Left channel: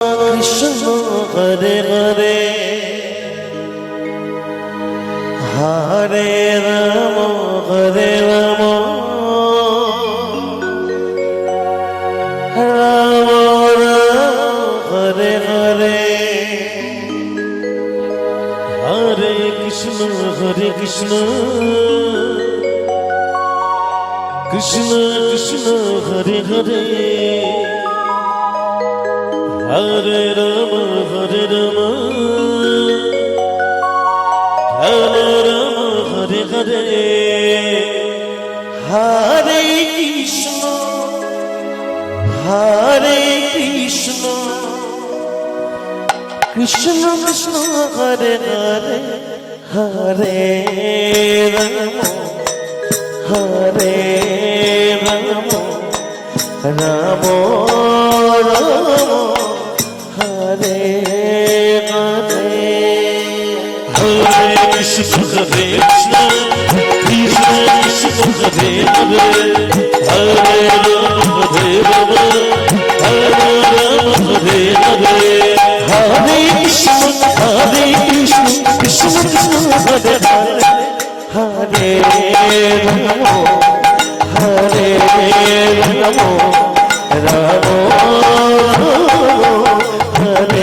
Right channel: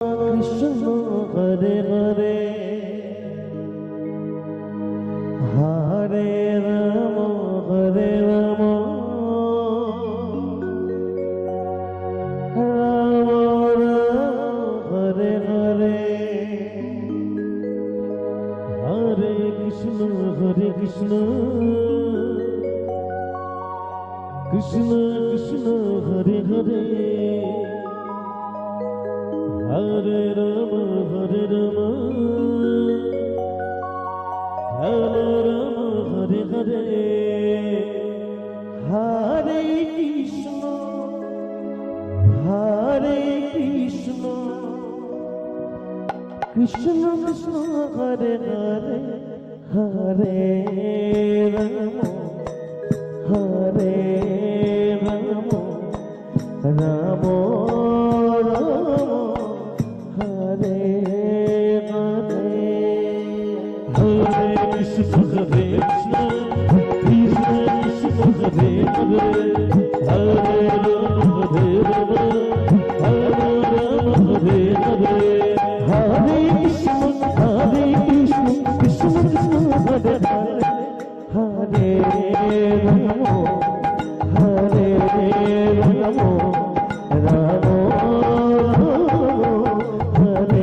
Krishna Hare Hare Hare Ram Hare Ram Ram Ram Hare Hare Hare Krishna Krishna Krishna Hare Hare Hare Ram Hare Ram Hare Ram Hare Hare Hare Krishna Krishna Krishna Hare Hare Hare Ram Hare Ram Ram Ram Hare Hare Hare Krishna Hare Krishna Krishna Krishna Hare Hare Hare Ram Hare Ram Hare Ram Hare Hare Hare Krishna Krishna Krishna Hare Hare Hare Ram Hare Ram Ram Hare Hare Hare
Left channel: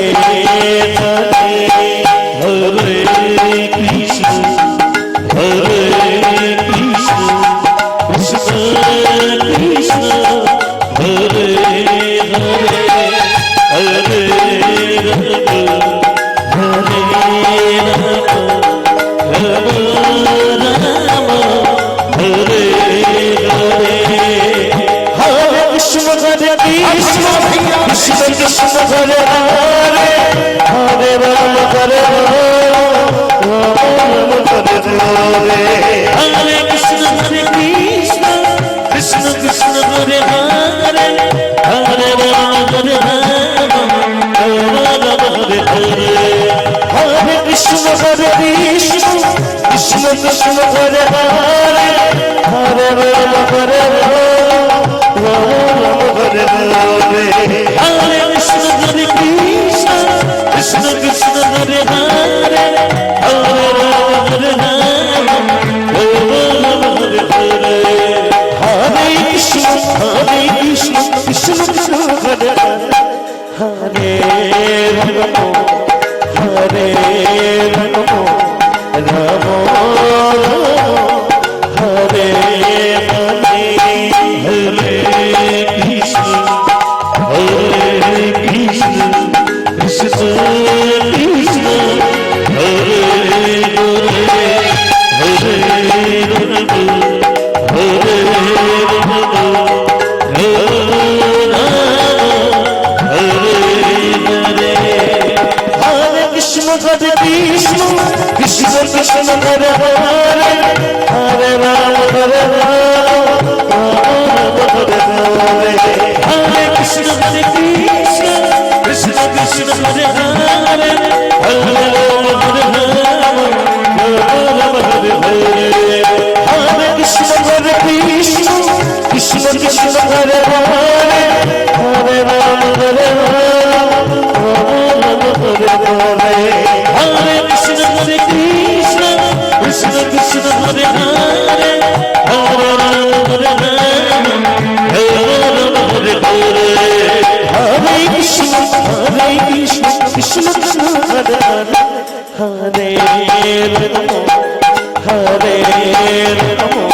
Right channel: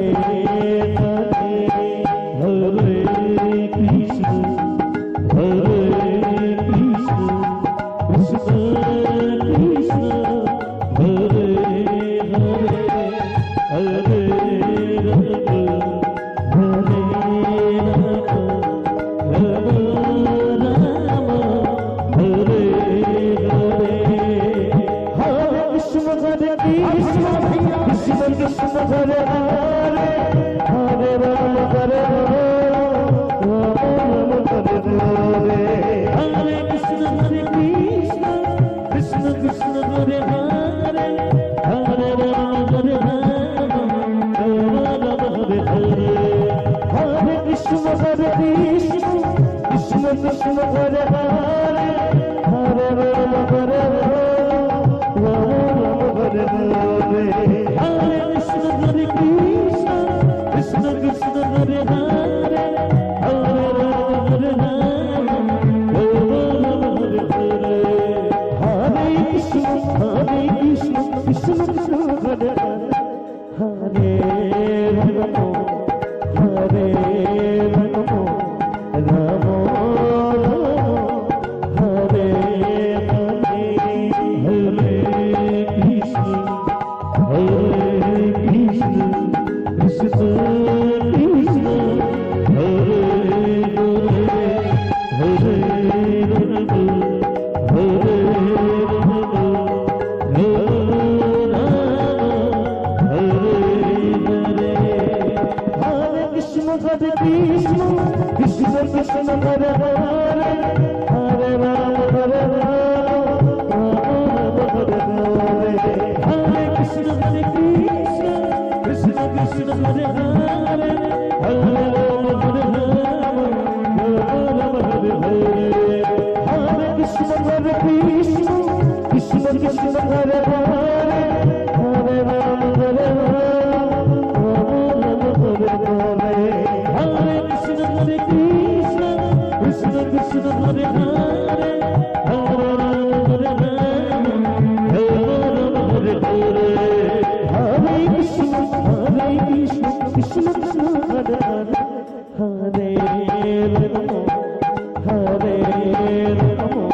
Krishna Krishna Krishna Krishna Hare Hare Hare Krishna Hare Hare Hare Ram Hare Ram Hare Hare Hare Krishna Krishna Krishna Krishna Hare Hare Hare Ram Hare Ram Hare Hare Hare Krishna Krishna Krishna Krishna Hare Hare Hare Ram Hare Ram Hare Hare Hare Krishna Krishna Krishna Hare Hare Hare Ram Hare Ram Hare Hare Hare Krishna Krishna Krishna Hare Hare Ram Hare Ram Ram Hare Hare Hare Krishna Krishna Krishna Krishna Hare Hare Hare Ram Hare Ram Hare Hare Hare Krishna Krishna Krishna Krishna Hare Hare Hare Ram Hare Ram Hare Hare Hare Krishna Krishna Krishna Krishna Hare Hare Hare Ram Hare Ram Hare Hare Hare Krishna Krishna Krishna Krishna Hare Hare Hare Ram Hare Ram Hare Hare Hare Krishna Krishna Krishna Krishna Hare Hare Hare Ram Hare Ram Hare Hare Hare Krishna Krishna Krishna Hare Hare Hare Ram Hare Ram